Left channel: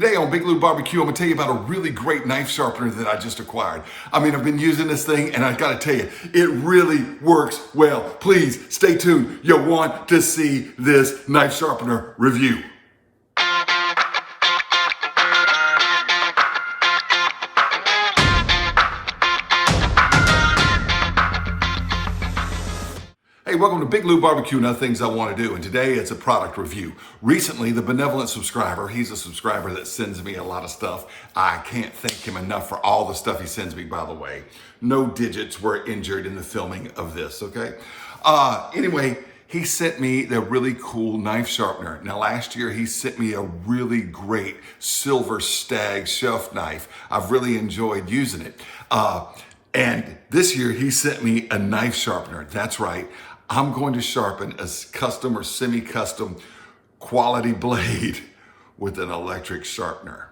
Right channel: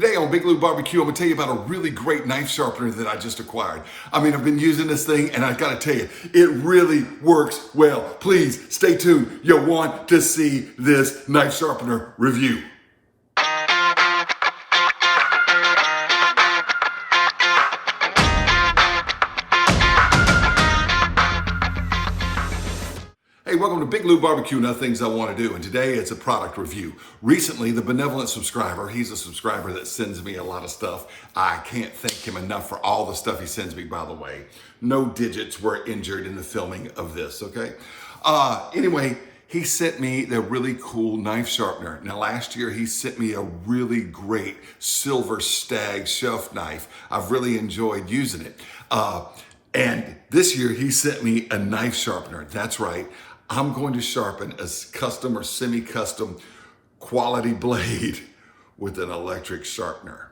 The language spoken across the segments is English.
Today on Big Lou Barbecue, I'm gonna tell you about a really great knife sharpener that I just acquired. I mean, I've been using this thing and I gotta tell you, it really works well. Please stay tuned. You'll want to see this knife sharpener review. Hey, welcome to Big Lou Barbecue and other things I want to do. And today it's a product review. Recently, the benevolent subscriber, he's a subscriber that sends me a lot of stuff. I can't thank him enough for all the stuff he sends me, by the way. No digits were injured in the filming of this, okay? Anyway, he sent me the really cool knife sharpener. Now, last year, he sent me a really great Silver Stag Chef Knife. I've really enjoyed using it. And this year, he sent me a knife sharpener. That's right. I'm going to sharpen a custom or semi-custom quality blade with an electric sharpener.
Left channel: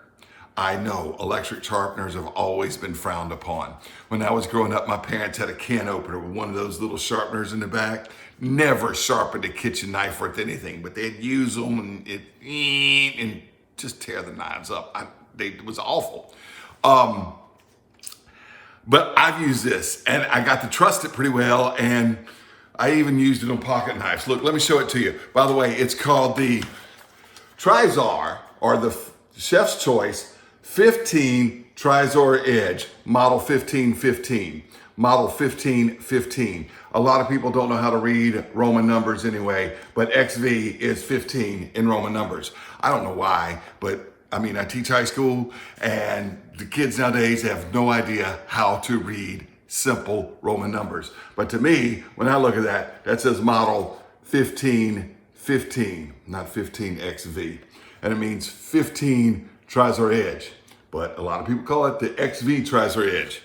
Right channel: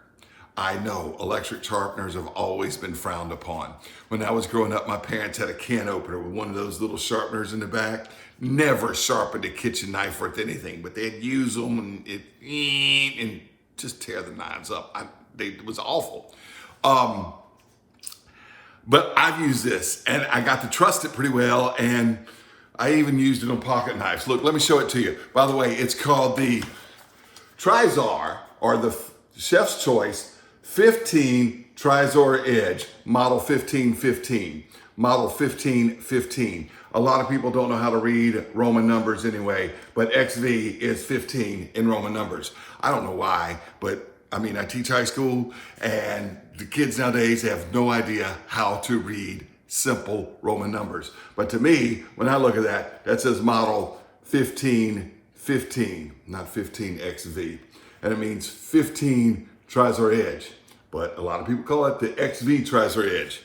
I know electric sharpeners have always been frowned upon. When I was growing up, my parents had a can opener with one of those little sharpeners in the back. Never sharpened a kitchen knife worth anything, but they'd use them and just tear the knives up. It was awful. But I've used this and I got to trust it pretty well, and I even used it on pocket knives. Look, let me show it to you. By the way, it's called the Trizor, or the Chef's Choice 15 Trizor Edge, model 1515. Model 1515. A lot of people don't know how to read Roman numbers anyway, but XV is 15 in Roman numbers. I don't know why, but I mean, I teach high school and the kids nowadays have no idea how to read simple Roman numbers. But to me, when I look at that, that says model 1515, not 15XV. And it means 15 Trizor Edge. But a lot of people call it the XV Trizor Edge.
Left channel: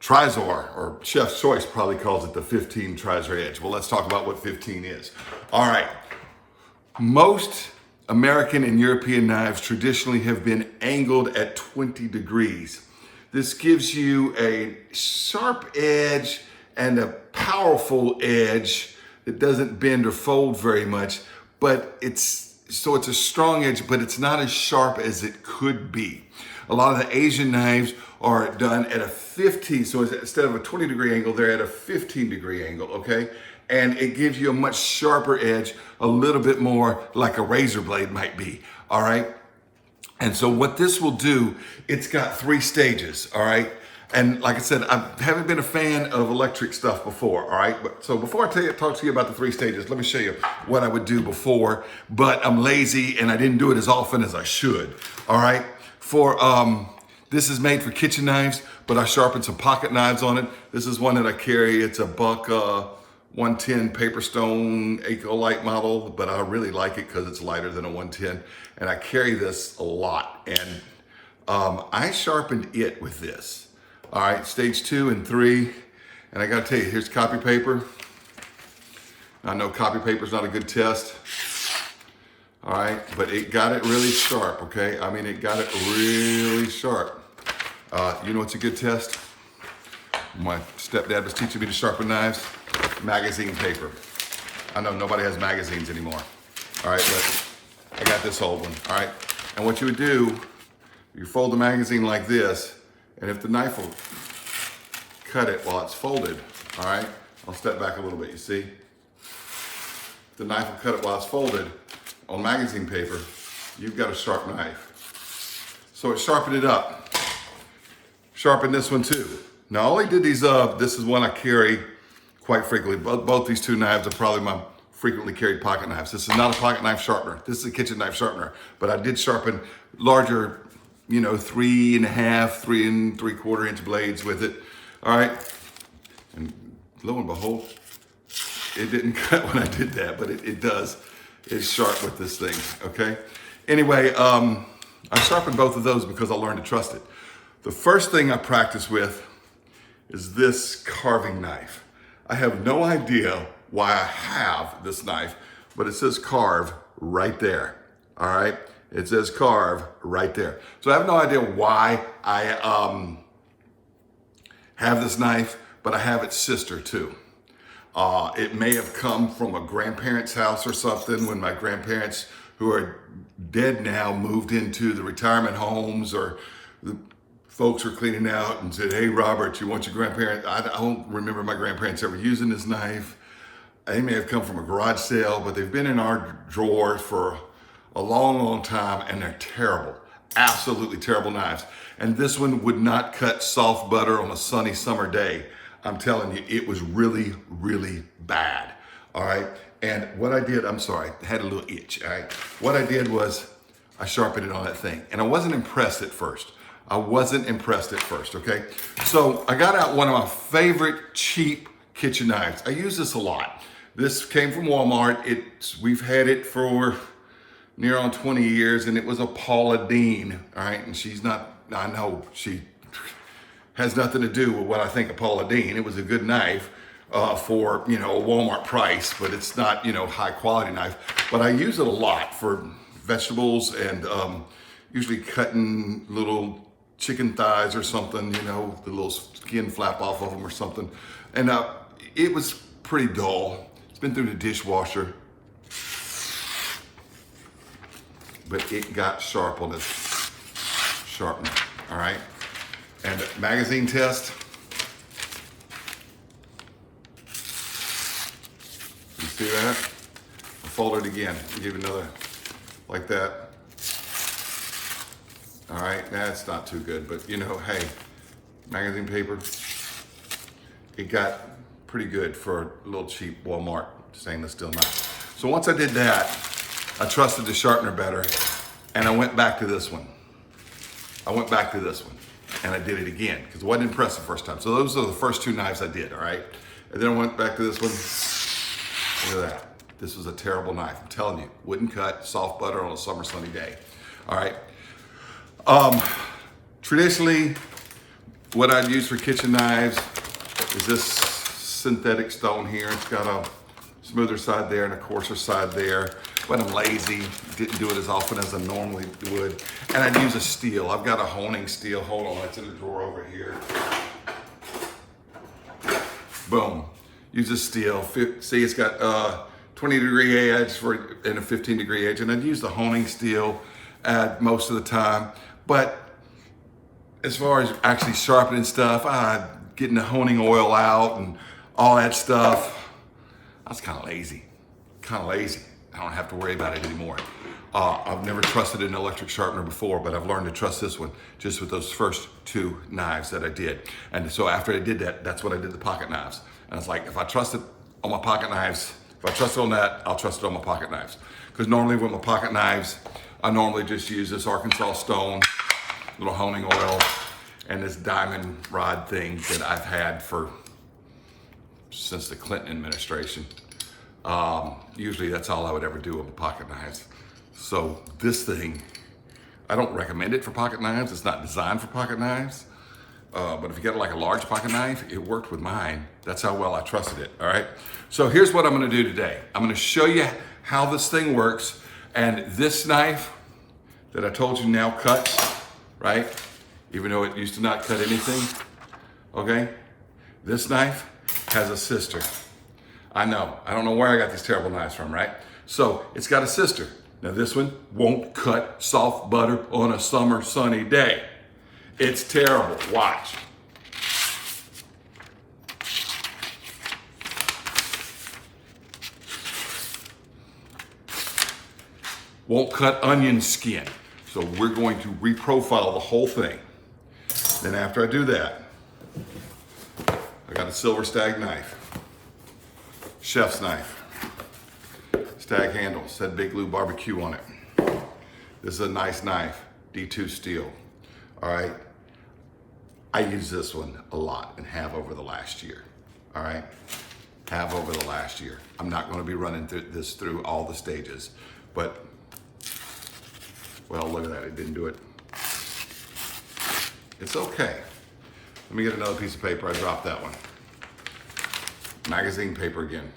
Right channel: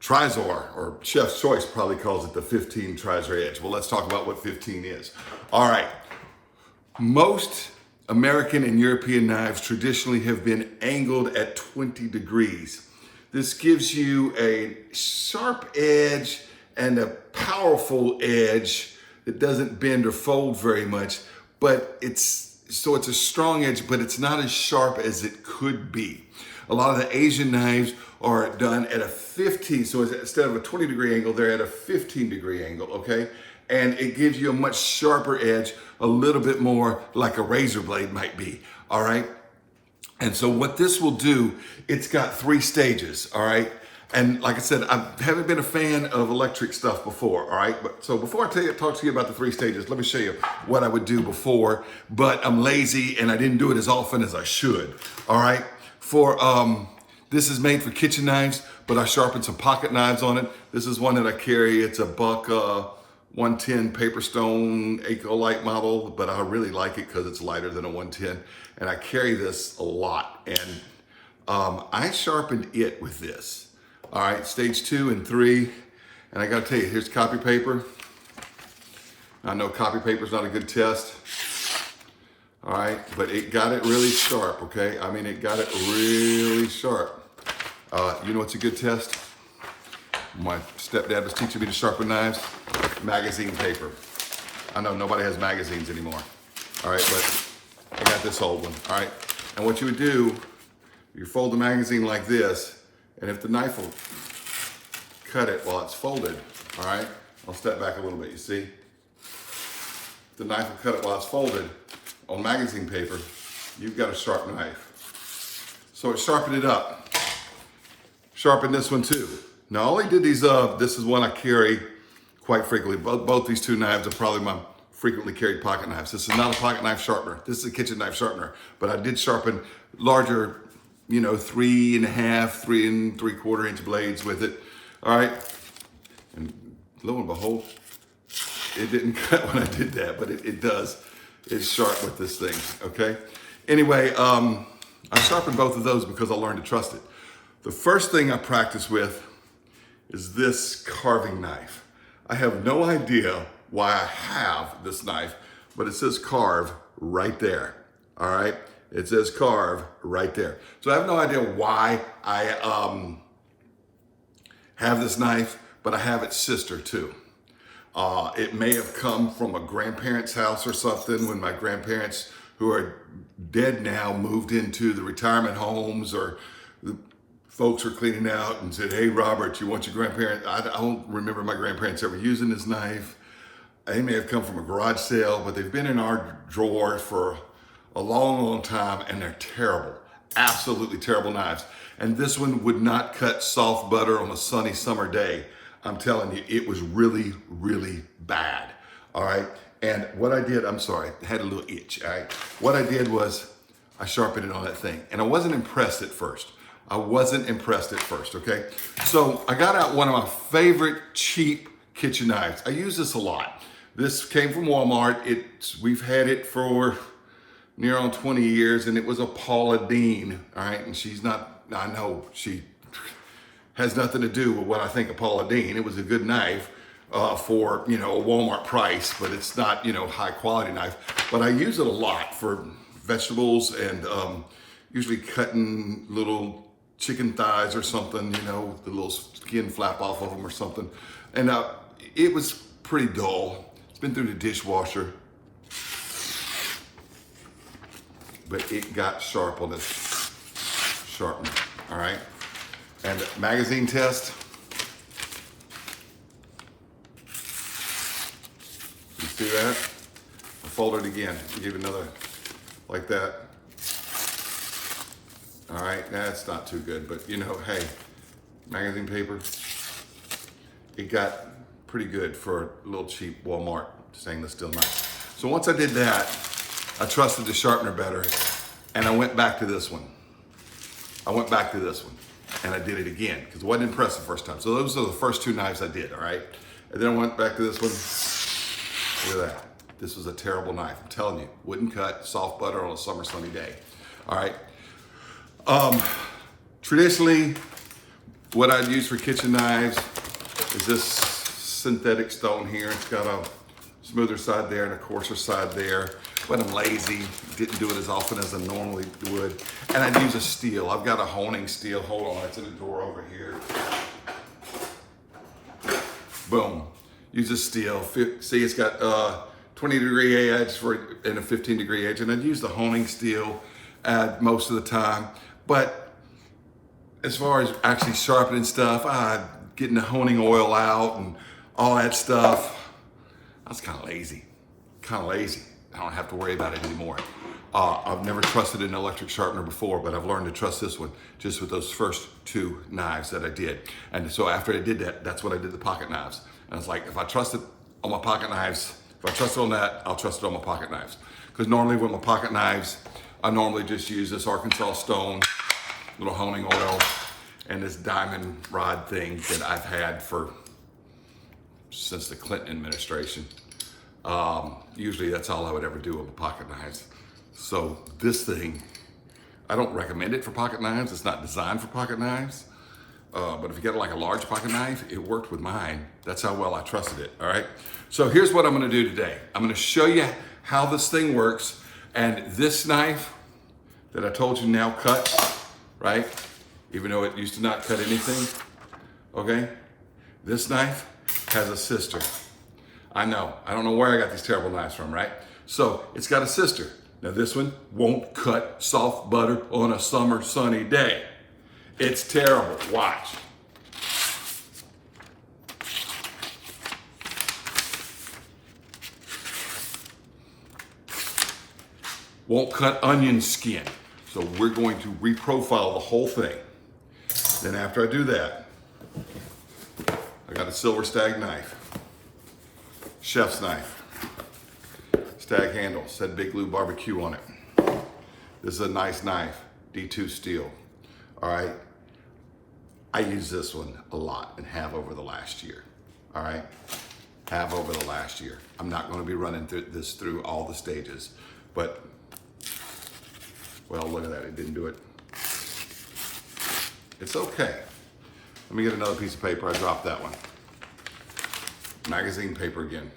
Trizor, or Chef's Choice, probably calls it the 15 Trizor Edge. Well, let's talk about what 15 is. All right. Most American and European knives traditionally have been angled at 20 degrees. This gives you a sharp edge and a powerful edge that doesn't bend or fold very much, but it's a strong edge, but it's not as sharp as it could be. A lot of the Asian knives are done at a 15, so instead of a 20 degree angle, they're at a 15 degree angle, okay? And it gives you a much sharper edge, a little bit more like a razor blade might be, all right? And so what this will do, it's got 3 stages, all right? And like I said, I haven't been a fan of electric stuff before, all right? So before I talk to you about the 3 stages, let me show you what I would do before, but I'm lazy and I didn't do it as often as I should, all right? This is made for kitchen knives, but I sharpened some pocket knives on it. This is one that I carry. It's a buck 110 paper stone Ecolite model, but I really like it because it's lighter than a 110. And I carry this a lot. And I sharpened it with this. All right, stage 2 and 3. And I gotta tell you, here's copy paper. I know copy paper's not a good test. All right, but it got it really sharp, okay? I mean, it got it really sharp. You know what's a good test? My stepdad was teaching me to sharpen knives. Magazine paper. I know nobody has magazines anymore. All right, but I got this old one, all right? And what you would do, you fold the magazine like this, and if the knife will cut it while it's folded, all right? I'll step back a little bit, you see? The knife will cut it while it's folded on magazine paper, you've got a sharp knife. So it sharpened it up. Sharpen this one too. Now, I only did these, this is one I carry quite frequently. Both these 2 knives are probably my frequently carried pocket knives. This is not a pocket knife sharpener. This is a kitchen knife sharpener. But I did sharpen larger, 3.5, 3 3/4 inch blades with it. All right. And lo and behold, it didn't cut when I did that, but it does. It's sharp with this thing, okay? Anyway, I sharpened both of those because I learned to trust it. The first thing I practice with is this carving knife. I have no idea why I have this knife, but it says carve right there, all right? It says carve right there. So I have no idea why I have this knife, but I have its sister too. It may have come from a grandparent's house or something when my grandparents who are dead now, moved into the retirement homes, or the folks were cleaning out and said, hey, Robert, you want your grandparents? I don't remember my grandparents ever using this knife. They may have come from a garage sale, but they've been in our drawer for a long, long time, and they're terrible, absolutely terrible knives. And this one would not cut soft butter on a sunny summer day. I'm telling you, it was really, really bad, all right? And what I did, I'm sorry, I had a little itch, all right? What I did was I sharpened it on that thing, and I wasn't impressed at first. Okay? So I got out one of my favorite cheap kitchen knives. I use this a lot. This came from Walmart. We've had it for near on 20 years, and it was a Paula Deen, all right? And she's not, I know she has nothing to do with what I think of Paula Deen. It was a good knife for, a Walmart price, but it's not, high quality knife. But I use it a lot for vegetables and usually cutting little chicken thighs or something, the little skin flap off of them or something. And it was pretty dull. It's been through the dishwasher, but it got sharp on this sharpener, all right? And magazine test. You see that? I fold it again, give it another like that. All right, that's not too good, but hey, magazine paper, it got pretty good for a little cheap Walmart stainless steel knife. So once I did that, I trusted the sharpener better, and I went back to this one. And I did it again, because I wasn't impressed the first time. So those are the first two knives I did, all right? And then I went back to this one. Look at that. This was a terrible knife. I'm telling you, wouldn't cut soft butter on a summer sunny day, all right? Traditionally, what I'd use for kitchen knives is this synthetic stone here. It's got a smoother side there and a coarser side there, but I'm lazy, didn't do it as often as I normally would. And I'd use a steel. I've got a honing steel. Hold on, it's in the drawer over here. Boom, use a steel. See, it's got 20-degree edge and a 15-degree edge, and I'd use the honing steel most of the time. But as far as actually sharpening stuff, getting the honing oil out and all that stuff, I was kind of lazy. I don't have to worry about it anymore. I've never trusted an electric sharpener before, but I've learned to trust this one just with those first two knives that I did. And so after I did that, that's when I did the pocket knives. And I was like, if I trust it on my pocket knives, if I trust it on that, I'll trust it on my pocket knives. Because normally with my pocket knives, I normally just use this Arkansas stone, little honing oil, and this diamond rod thing that I've had since the Clinton administration. Usually that's all I would ever do with my pocket knives. So this thing, I don't recommend it for pocket knives. It's not designed for pocket knives. But if you get like a large pocket knife, it worked with mine. That's how well I trusted it, all right? So here's what I'm gonna do today. I'm gonna show you how this thing works. And this knife that I told you now cuts, right? Even though it used to not cut anything, okay? This knife has a sister. I know, I don't know where I got these terrible knives from, right? So it's got a sister. Now this one won't cut soft butter on a summer sunny day. It's terrible, watch. Won't cut onion skin. So we're going to reprofile the whole thing. Then after I do that, I got a Silver Stag knife, chef's knife, stag handle, said Big Blue Barbecue on it. This is a nice knife, D2 steel, all right? I use this one a lot and have over the last year, all right? Have over the last year. I'm not gonna be running through all the stages, but well, look at that, it didn't do it. It's okay. Let me get another piece of paper, I dropped that one. Magazine paper again.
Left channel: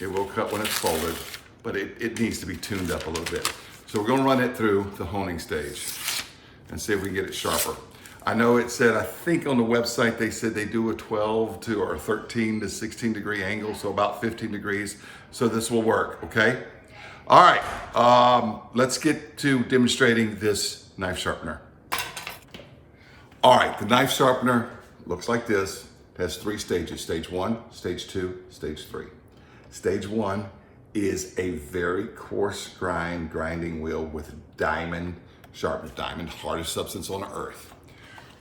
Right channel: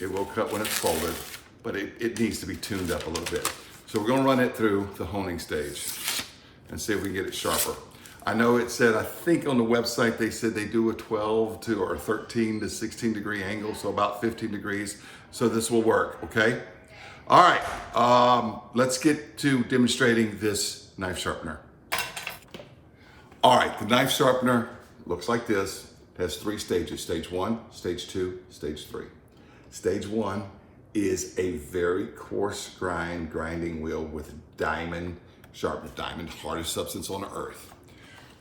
It will cut when it's folded, but it needs to be tuned up a little bit. So we're gonna run it through the honing stage and see if we can get it sharper. I know it said, I think on the website, they said they do a 12 or 13 to 16 degree angle, so about 15 degrees. So this will work, okay? All right, let's get to demonstrating this knife sharpener. All right, the knife sharpener looks like this. It has 3 stages, stage 1, stage 2, stage 3. Stage 1 is a very coarse grinding wheel with diamond sharpness, diamond, hardest substance on earth.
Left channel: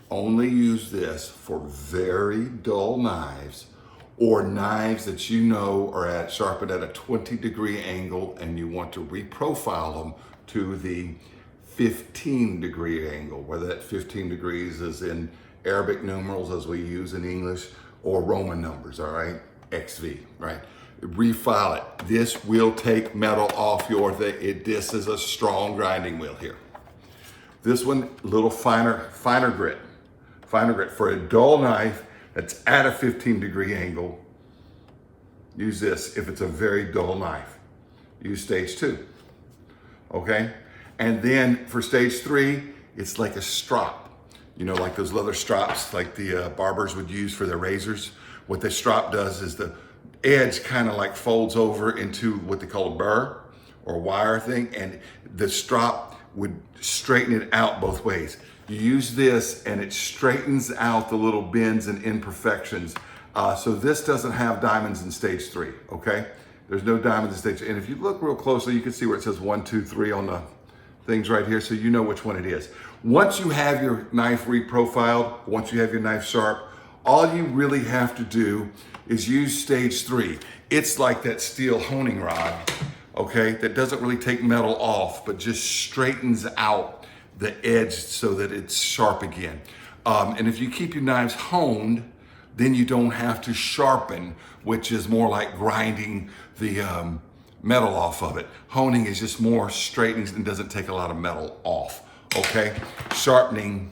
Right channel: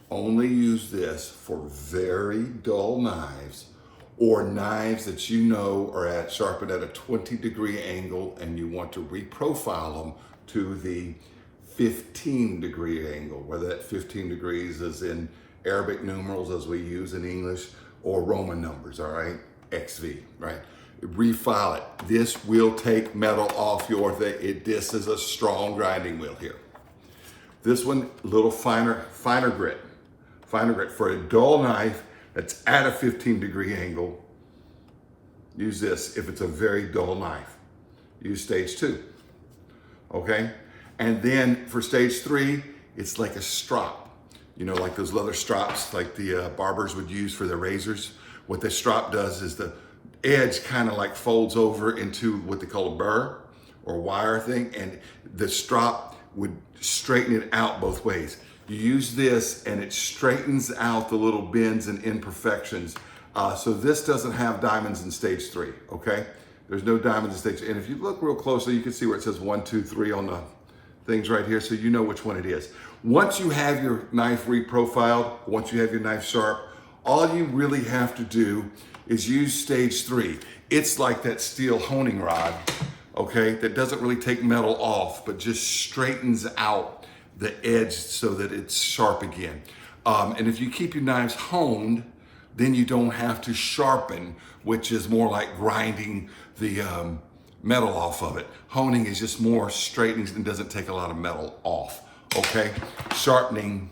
Only use this for very dull knives or knives that you know are sharpened at a 20-degree angle and you want to reprofile them to the 15-degree angle, whether that 15 degrees is in Arabic numerals as we use in English or Roman numbers, all right? XV, right? Refile it. This will take metal off your thing. This is a strong grinding wheel here. This one, a little finer grit for a dull knife that's at a 15-degree angle. Use this if it's a very dull knife. Use stage 2, okay? And then for stage 3, it's like a strop. You know, like those leather strops like the barbers would use for their razors. What the strop does is the edge kind of like folds over into what they call a burr or wire thing, and the strop would straighten it out both ways. You use this and it straightens out the little bends and imperfections. So this doesn't have diamonds in stage 3, okay? There's no diamonds in stage 3. And if you look real closely, you can see where it says 1, 2, 3 on the things right here, so you know which one it is. Once you have your knife reprofiled, once you have your knife sharp, all you really have to do is use stage 3. It's like that steel honing rod, okay, that doesn't really take metal off, but just straightens out the edge so that it's sharp again. And if you keep your knives honed, then you don't have to sharpen, which is more like grinding the metal off of it. Honing is just more straightening and doesn't take a lot of metal off, okay? Sharpening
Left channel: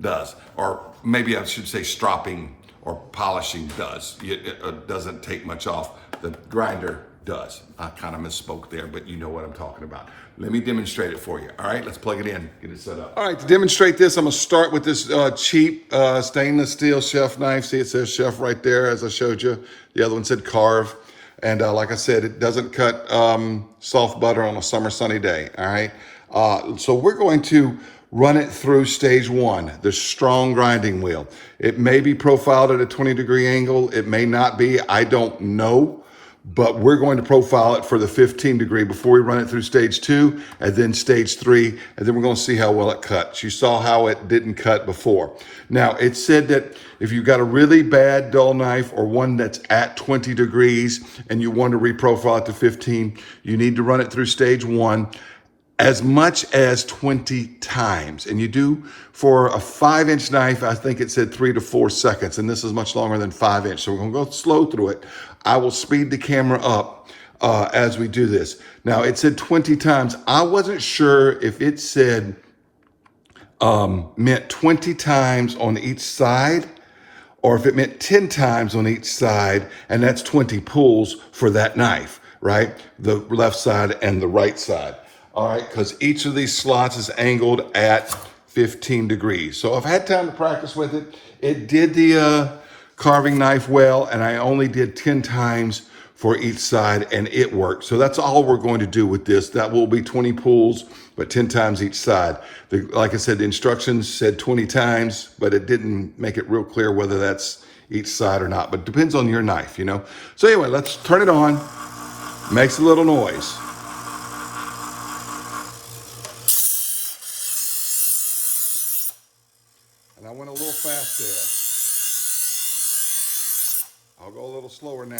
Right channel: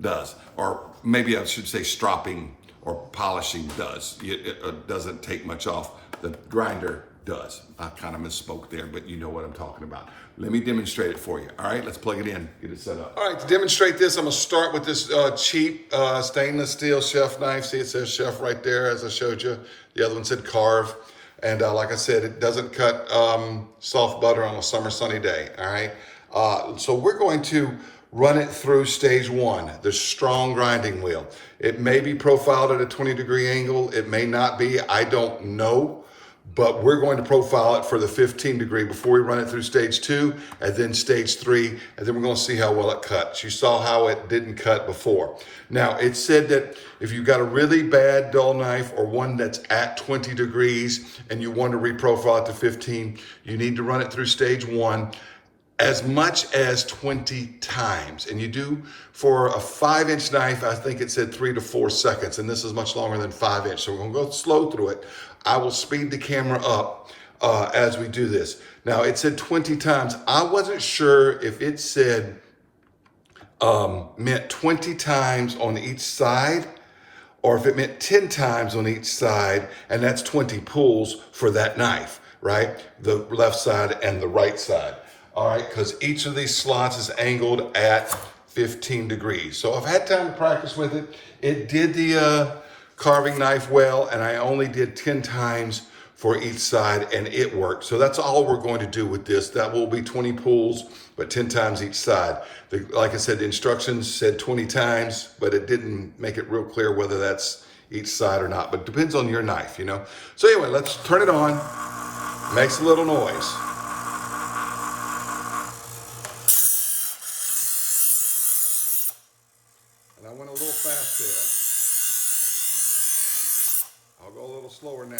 does, or maybe I should say stropping or polishing does. It doesn't take much off. The grinder does. I kind of misspoke there, but you know what I'm talking about. Let me demonstrate it for you. All right, let's plug it in, get it set up. All right, to demonstrate this, I'm gonna start with this cheap stainless steel chef knife. See, it says chef right there, as I showed you. The other one said carve. And like I said, it doesn't cut soft butter on a summer sunny day, all right? So we're going to run it through stage 1, the strong grinding wheel. It may be profiled at a 20-degree angle. It may not be, I don't know. But we're going to profile it for the 15-degree before we run it through stage 2 and then stage 3, and then we're going to see how well it cuts. You saw how it didn't cut before. Now, it said that if you've got a really bad dull knife or one that's at 20 degrees and you want to reprofile it to 15, you need to run it through stage 1 as much as 20 times. And you do for a 5-inch knife, I think it said 3 to 4 seconds, and this is much longer than 5-inch. So we're gonna go slow through it. I will speed the camera up as we do this. Now it said 20 times. I wasn't sure if it said meant 20 times on each side or if it meant 10 times on each side, and that's 20 pulls for that knife, right? The left side and the right side. All right, because each of these slots is angled at 15 degrees. So I've had time to practice with it. It did the carving knife well, and I only did 10 times for each side, and it worked. So that's all we're going to do with this. That will be 20 pulls, but 10 times each side. Like I said, the instructions said 20 times, but it didn't make it real clear whether that's each side or not, but it depends on your knife, you know? So anyway, let's turn it on. Makes a little noise. And I went a little fast there. I'll go a little slower now.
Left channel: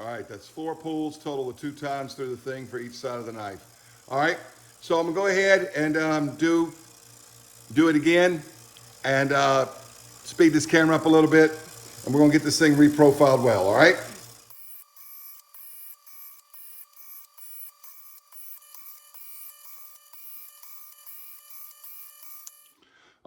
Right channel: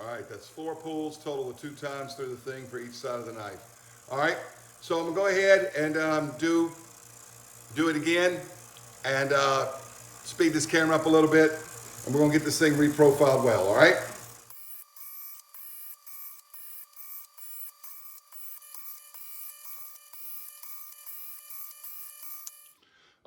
All right, that's 4 pulls total of 2 times through the thing for each side of the knife. All right, so I'm gonna go ahead and do it again and speed this camera up a little bit, and we're gonna get this thing reprofiled well, all right?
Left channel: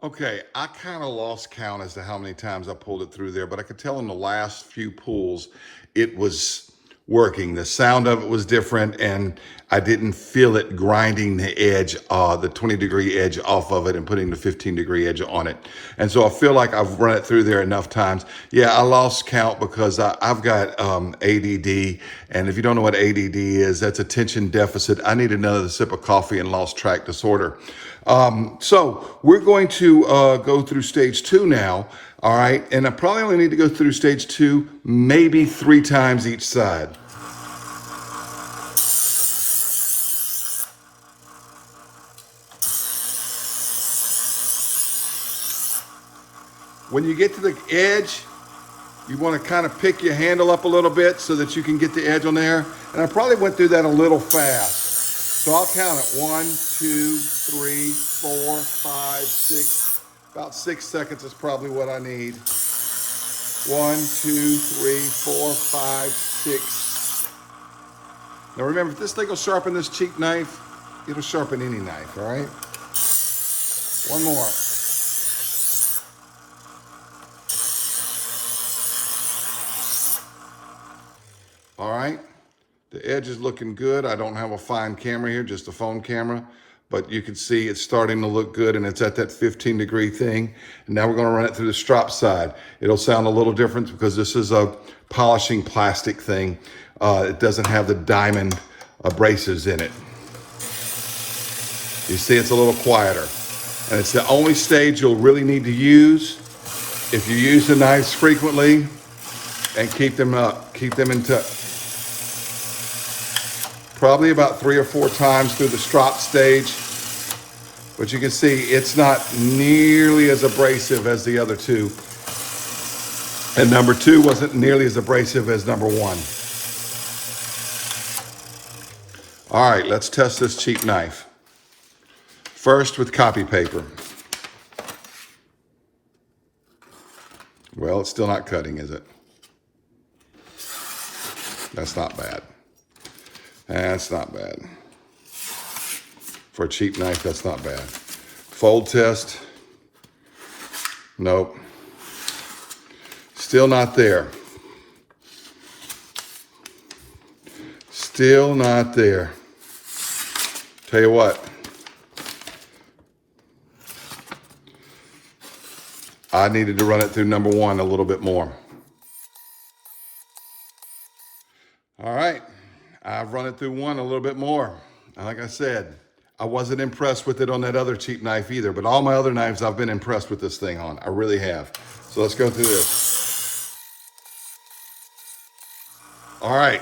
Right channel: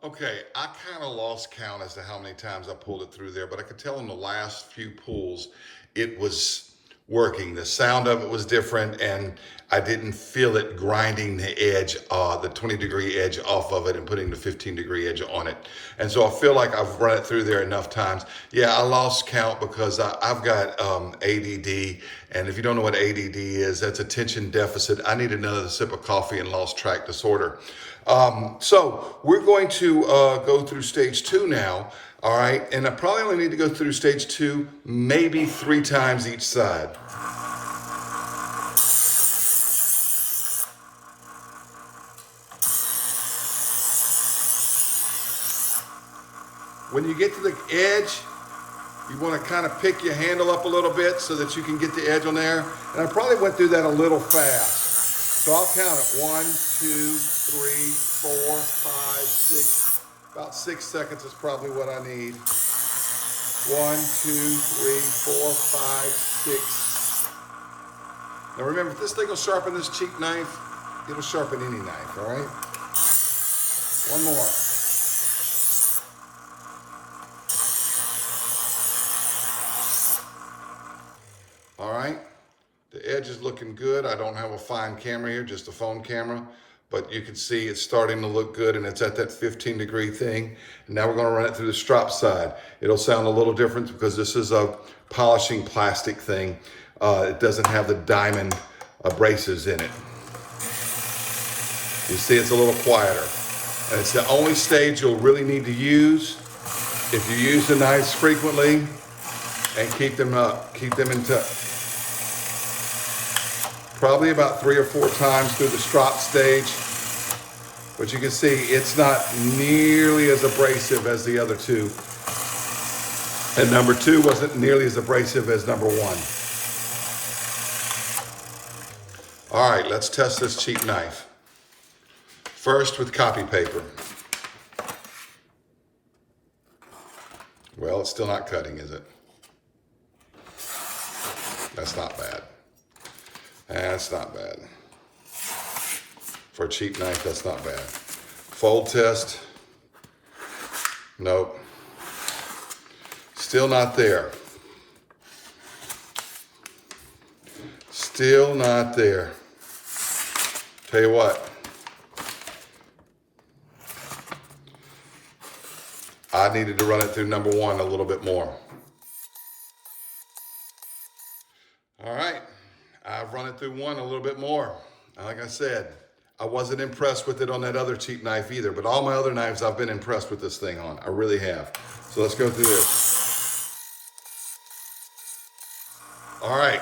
Okay, I kind of lost count as to how many times I pulled it through there, but I could tell in the last few pulls, it was working. The sound of it was different, and I didn't feel it grinding the edge, the 20-degree edge off of it and putting the 15-degree edge on it. And so I feel like I've run it through there enough times. Yeah, I lost count because I've got ADD, and if you don't know what ADD is, that's attention deficit. I need another sip of coffee and lost track disorder. So we're going to go through stage 2 now. All right, and I probably only need to go through stage 2 maybe 3 times each side. When you get to the edge, you want to kind of pick your handle up a little bit so that you can get the edge on there. And I probably went through that a little fast. So I'll count it. 1, 2, 3, 4, 5, 6. About 6 seconds is probably what I need. 1, 2, 3, 4, 5, 6. Now remember, if this thing will sharpen this cheap knife, it'll sharpen any knife, all right? One more. All right, the edge is looking good. I don't have a fine camera here, just a phone camera. But you can see it's starting to look good, and it's at that 15-degree thing. And now we're going to run it through the strop side. It'll sound a little different because this is a polishing plastic thing. It doesn't have the diamond abrasives in it. You see it's a little quieter. And it's the only stage you'll really need to use if you use the knives frequently and keep them up, keep them in touch. Probably about 3 or 4 times through the strop stage. But you can see it's not nearly as abrasive as the other 2. And number 2 wasn't nearly as abrasive as number 1. All right, let's test this cheap knife. First with copy paper. Well, it's still not cutting, is it? That's not bad. That's not bad. For a cheap knife, that's not bad. Fold test. Nope. Still not there. Still not there. Tell you what. I needed to run it through number 1 a little bit more. All right. I've run it through 1 a little bit more. And like I said, I wasn't impressed with it on that other cheap knife either, but all my other knives I've been impressed with this thing on. I really have. So let's go through this. All right.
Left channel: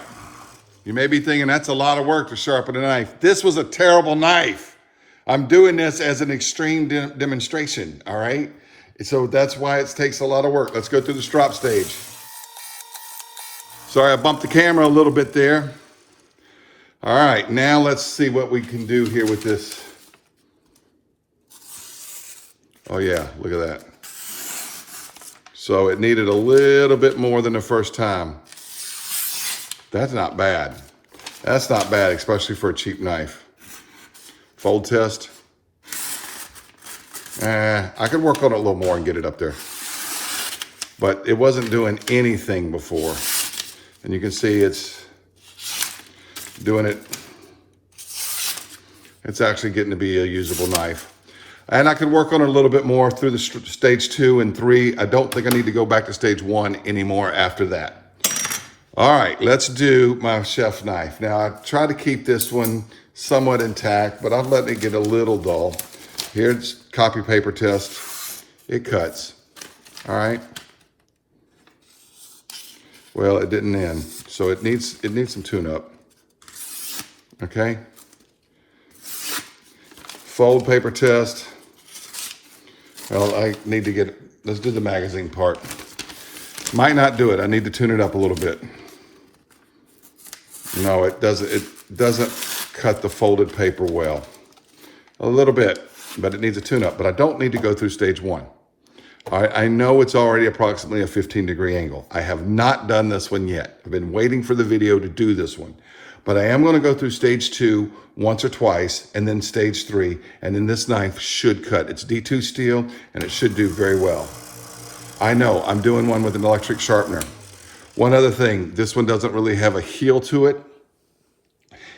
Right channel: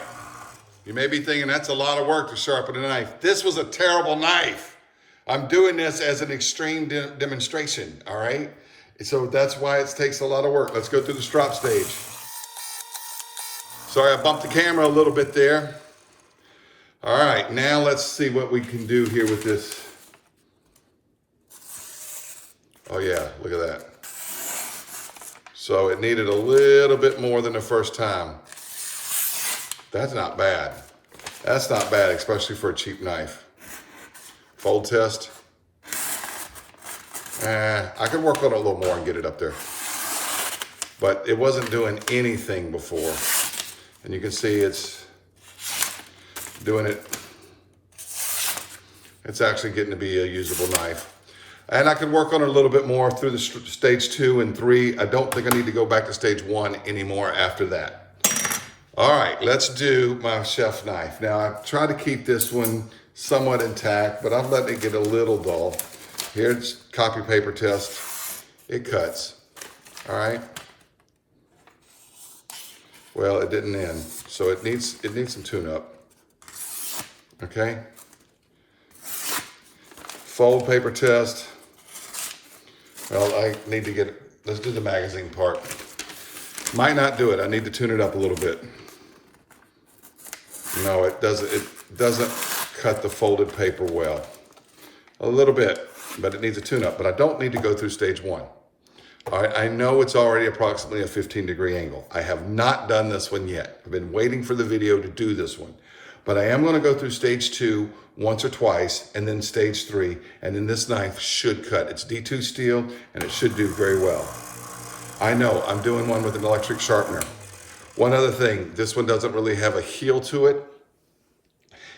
You may be thinking that's a lot of work to sharpen a knife. This was a terrible knife. I'm doing this as an extreme demonstration, all right? So that's why it takes a lot of work. Let's go through the strop stage. Sorry, I bumped the camera a little bit there. All right, now let's see what we can do here with this. Oh yeah, look at that. So it needed a little bit more than the first time. That's not bad. That's not bad, especially for a cheap knife. Fold test. I could work on it a little more and get it up there. But it wasn't doing anything before. And you can see it's doing it. It's actually getting to be a usable knife. And I can work on it a little bit more through the stage 2 and 3. I don't think I need to go back to stage 1 anymore after that. All right, let's do my chef knife. Now I try to keep this one somewhat intact, but I'm letting it get a little dull. Here's copy paper test. It cuts. All right. Well, it didn't end, so it needs some tune-up. Okay. Fold paper test. Well, I need to get, let's do the magazine part. Might not do it. I need to tune it up a little bit. No, it doesn't cut the folded paper well. A little bit, but it needs a tune-up. But I don't need to go through stage 1. All right, I know it's already approximately a 15-degree angle. I have not done this one yet. I've been waiting for the video to do this one. But I am going to go through stage 2 once or twice, and then stage 3, and then this knife should cut. It's D2 steel, and it should do very well. I know, I'm doing one with an electric sharpener. One other thing, this one doesn't really have a heel to it.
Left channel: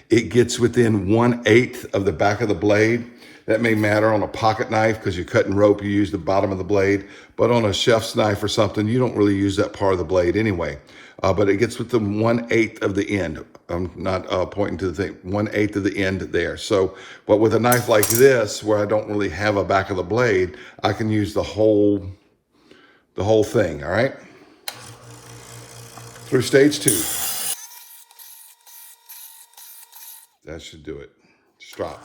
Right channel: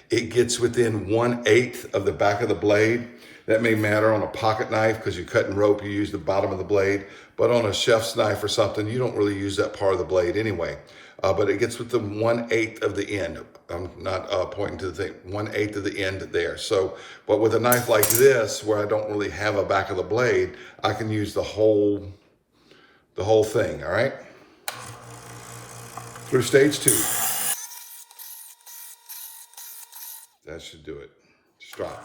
It gets within 1/8 of the back of the blade. That may matter on a pocket knife because you're cutting rope, you use the bottom of the blade. But on a chef's knife or something, you don't really use that part of the blade anyway. But it gets within 1/8 of the end. I'm not pointing to the thing, 1/8 of the end there. So, but with a knife like this, where I don't really have a back of the blade, I can use the whole thing, all right? Through stage 2. That should do it. Strop.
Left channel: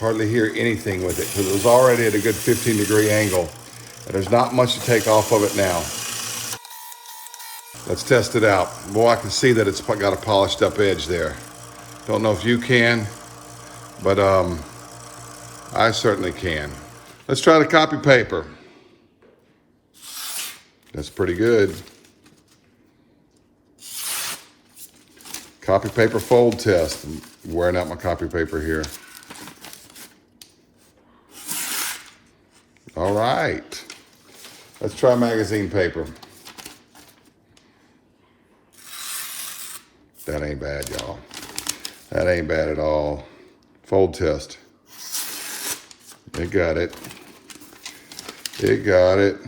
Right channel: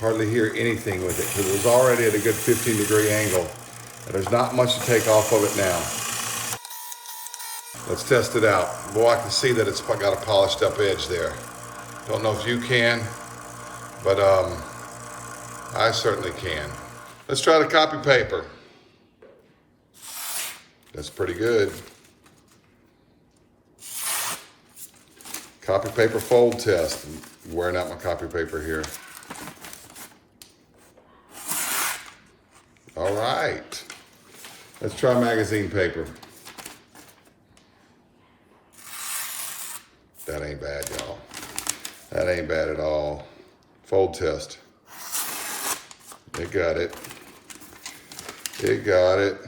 Hardly hear anything with it because it was already at a good 15-degree angle. And there's not much to take off of it now. Let's test it out. Boy, I can see that it's got a polished up edge there. Don't know if you can, but I certainly can. Let's try the copy paper. That's pretty good. Copy paper fold test. I'm wearing out my copy paper here. All right. Let's try magazine paper. That ain't bad, y'all. That ain't bad at all. Fold test. It got it. It got it.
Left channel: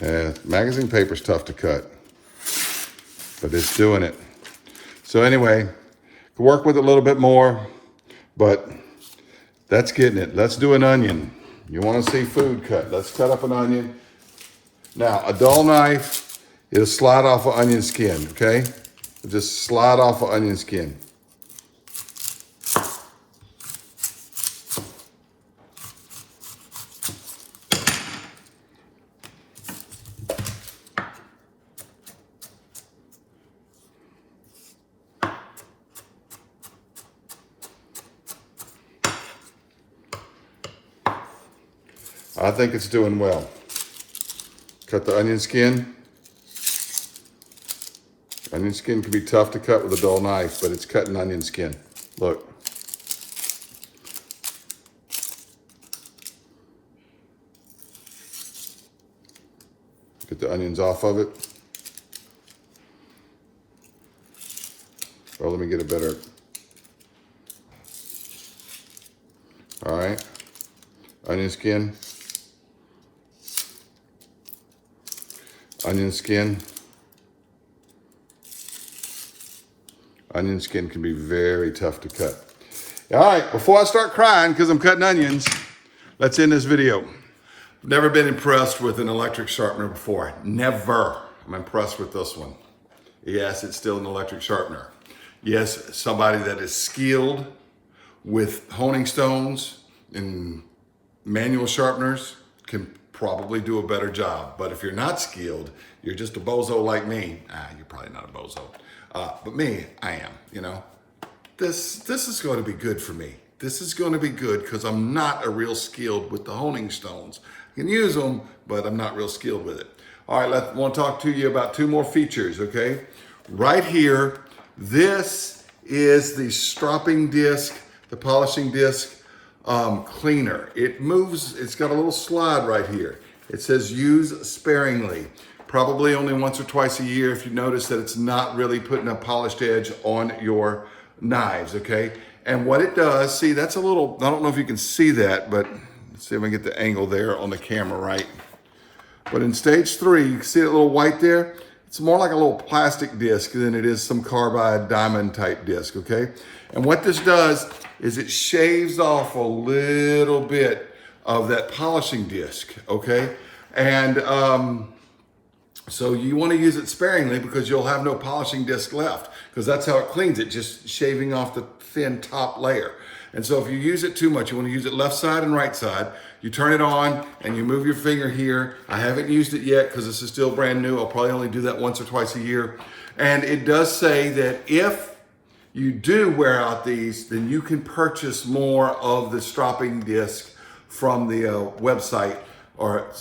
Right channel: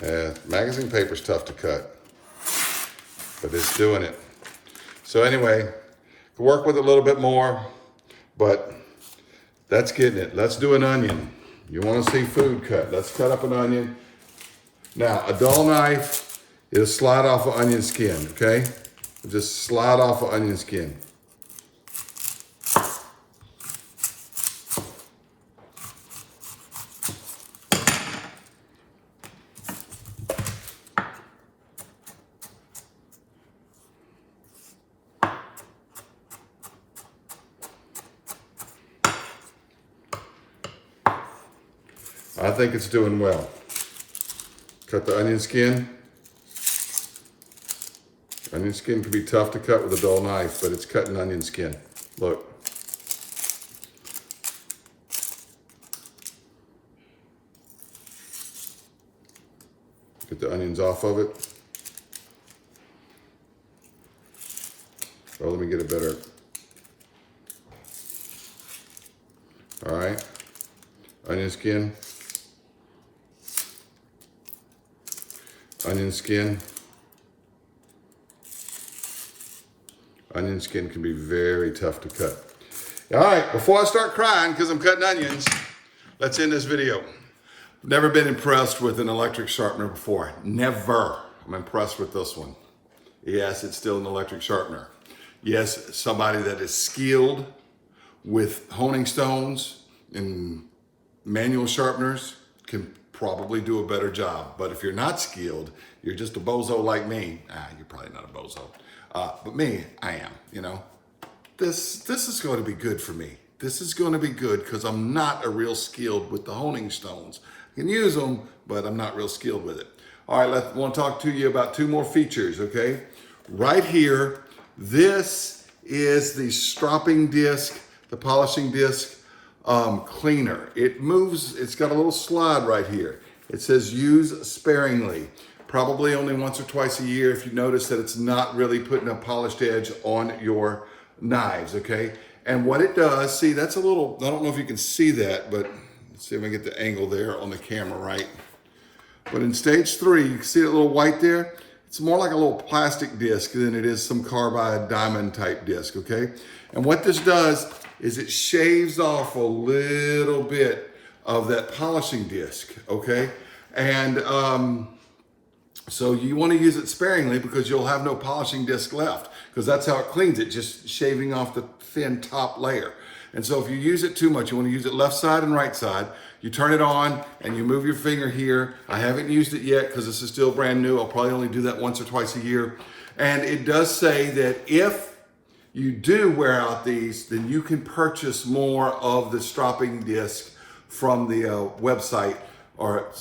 Yeah, magazine paper's tough to cut, but it's doing it. So anyway, work with it a little bit more, but that's getting it. Let's do an onion. You want to see food cut. Let's cut up an onion. Now, a dull knife is slide off of onion skin, okay? Just slide off of onion skin. I think it's doing well. Cut the onion skin. Onion skin can be tough to cut with a dull knife, but it's cutting onion skin. Look. Get the onions off of it. Oh, let me get it better. All right. Onion skin. Onion skin. Onion skin can be very tough to cut. All right, before I start crying because I'm cutting onions, let's end this video. I've never been impressed with an electric sharpener before. Never. I'm impressed with this one. Yes, it's still an electric sharpener. Yes, somebody that is skilled with honing stones and manual sharpeners can probably do a better job. But if you're not skilled, you're just a bozo like me. You're probably not a bozo. But me, I am, you know. This is going to be good for me. This is going to be good because I'm not a real skilled with the honing stones. I can use them, but I'm not real skilled with it. All right, I want to talk to you about 2 more features, okay? Right here, this is the stropping disc, the polishing disc cleaner. It moves, it's got a little slide right here. It says use sparingly. Probably only once or twice a year if you notice that it's not really putting a polished edge on your knives, okay? And what it does, see, that's a little, I don't know if you can see that, but let's see if I can get the angle there on the camera right. But in stage 3, you can see that little white there? It's more like a little plastic disc than it is some carbide diamond type disc, okay? And what this does is it shaves off a little bit of that polishing disc, okay? And so you want to use it sparingly because you'll have no polishing disc left because that's how it cleans it, just shaving off the thin top layer. And so if you use it too much, you want to use it left side and right side. You turn it on and you move your finger here. I haven't used it yet because this is still brand new. I'll probably only do that once or twice a year. And it does say that if you do wear out these, then you can purchase more of the stropping disc from the website, or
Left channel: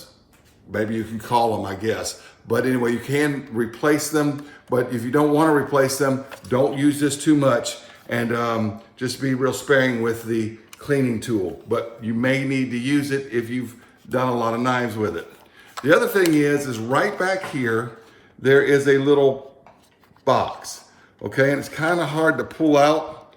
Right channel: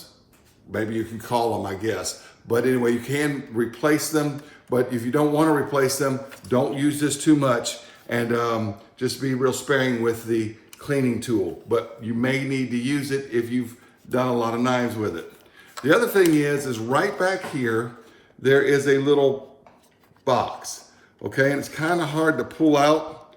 maybe you can call them, I guess. But anyway, you can replace them. But if you don't want to replace them, don't use this too much. And just be real sparing with the cleaning tool. But you may need to use it if you've done a lot of knives with it. The other thing is right back here, there is a little box, okay? And it's kind of hard to pull out,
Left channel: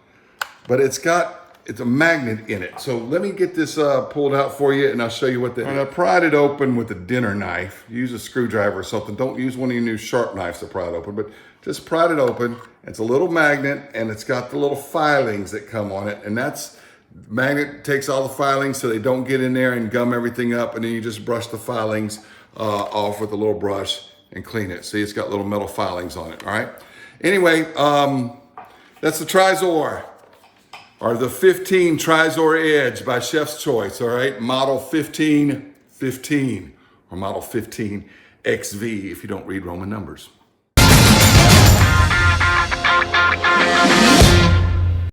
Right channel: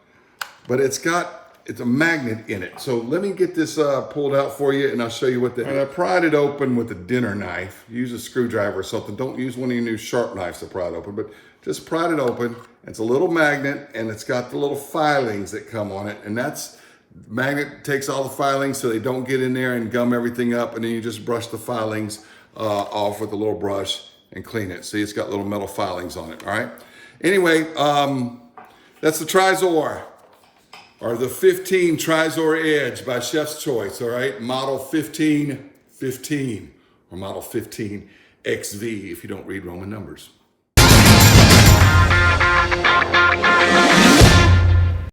but it's a magnet in it. So let me get this pulled out for you and I'll show you what and I pried it open with a dinner knife. Use a screwdriver or something. Don't use one of your new sharp knives to pry it open, but just pried it open. It's a little magnet and it's got the little filings that come on it. And magnet takes all the filings so they don't get in there and gum everything up. And then you just brush the filings off with a little brush and clean it. See, it's got little metal filings on it, all right? Anyway, that's the Trizor, or the 15 Trizor Edge by Chef's Choice, all right? Model 1515, or model 15XV if you don't read Roman numbers.